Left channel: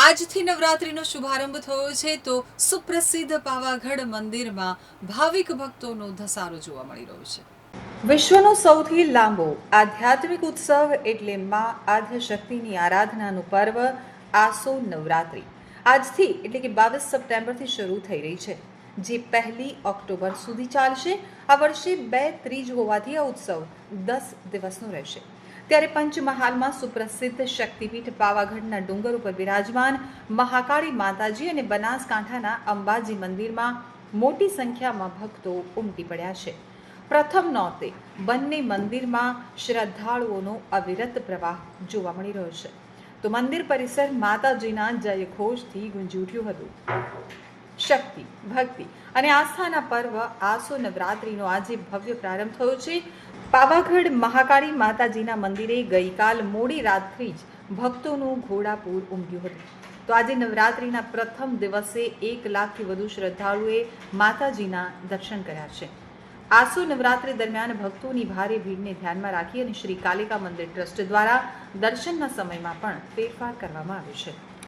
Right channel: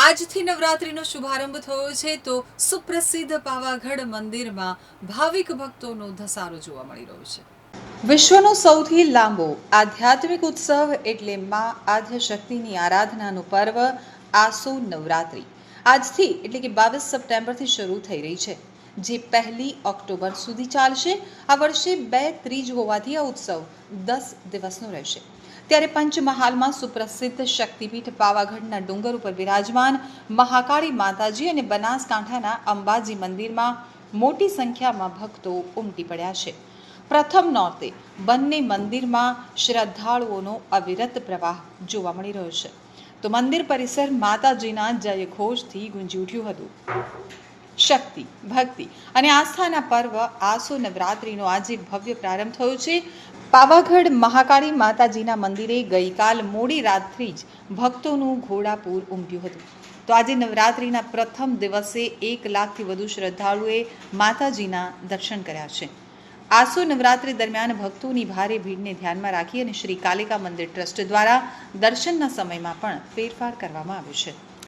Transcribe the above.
આજથી નવરાત્રિનો શુભારંભ થયો છે તો સુપ્રસિદ્ધ પાવાગઢ મંદિરમાં ભાવિક ભક્તોનો ધસારો જોવા મળી રહ્યો છે. વિશ્વનો સૌથી લાંબો આધ્યાત્મિક ઉત્સવ એટલે મા આદ્યશક્તિની આરાધનાનું પર્વ આસો નવરાત્રિ. આજથી એટલે કે બાવીસ સપ્ટેમ્બરથી શરૂ થઈ રહી છે. જે પહેલી ઓક્ટોબર સુધી ચાલશે. આ વર્ષે બે ત્રીજ હોવાથી આ ઉત્સવ દસ દિવસનો રહેશે. ત્યારે પંચમહાલમાં સુપ્રસિદ્ધ શક્તિપીઠ પાવાગઢના ડુંગર ઉપર બિરાજમાન મહાકાળી માતાજી અને બનાસકાંઠાના અંબાજી મંદિરમાં મોટી સંખ્યામાં ભક્તો ઉમટી પડ્યા છે. પ્રથમ નોરતે બંને મંદિરમાં શ્રદ્ધાળુઓનો અવિરત પ્રવાહ જોવા મળી રહ્યો છે. તો મંદિર પરિસર માતાજીના જયઘોષથી ગુંજી ઉઠ્યું હતું. શક્તિ, ભક્તિ અને આસ્થાના પર્વ આસો નવરાત્રિનો આજે ભવ્ય પ્રારંભ થયો છે. પાવાગઢ મહાકાળી માતાજીના મંદિરે ગઈકાલ મોડી રાતથી જ ભક્તોનું ઘોડાપૂર ઉમટ્યું હતું. તો આજે નવરાત્રિના પ્રથમ દિવસે એક લાખથી વધુ શ્રદ્ધાળુએ માતાજીના દર્શન કર્યા છે. આસો નવરાત્રિ દરમિયાન ભક્તોની ભારે ભીડને ધ્યાનમાં રાખી અને શ્રી કાલિકા મંદિર ટ્રસ્ટ દ્વારા દર્શનના સમયમાં પણ ફેરફાર કરવામાં આવ્યો છે.